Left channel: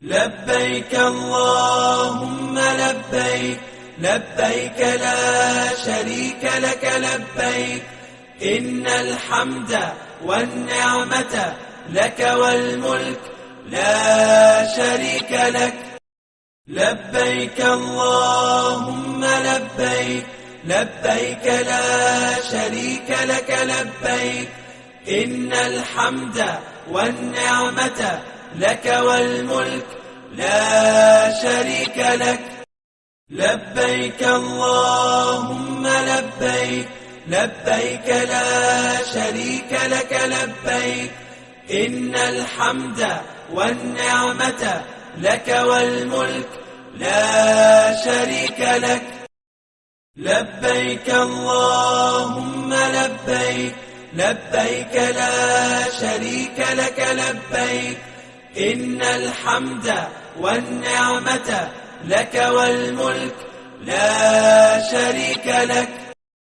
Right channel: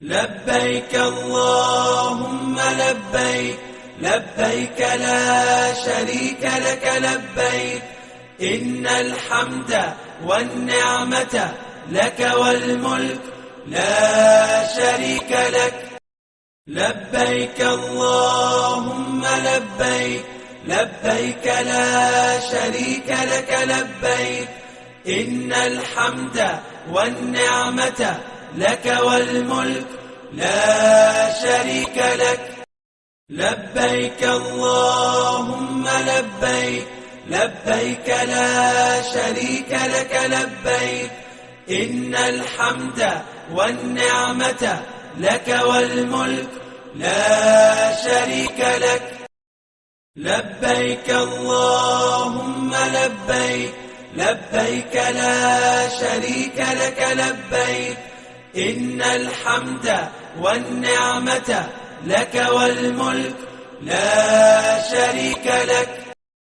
لبيك اللهم لبيك لبيك لا شريك لك لبيك إن الحمد والنعمة لك والملك لا شريك لك لبيك اللهم لبيك لبيك لا شريك لك لبيك إن الحمد والنعمة لك والملك لا شريك لك لبيك اللهم لبيك لبيك لا شريك لك لبيك إن الحمد والنعمة لك والملك لا شريك لك لبيك اللهم لبيك لبيك لا شريك لك لبيك إن الحمد والنعمة لك والملك لا شريك لك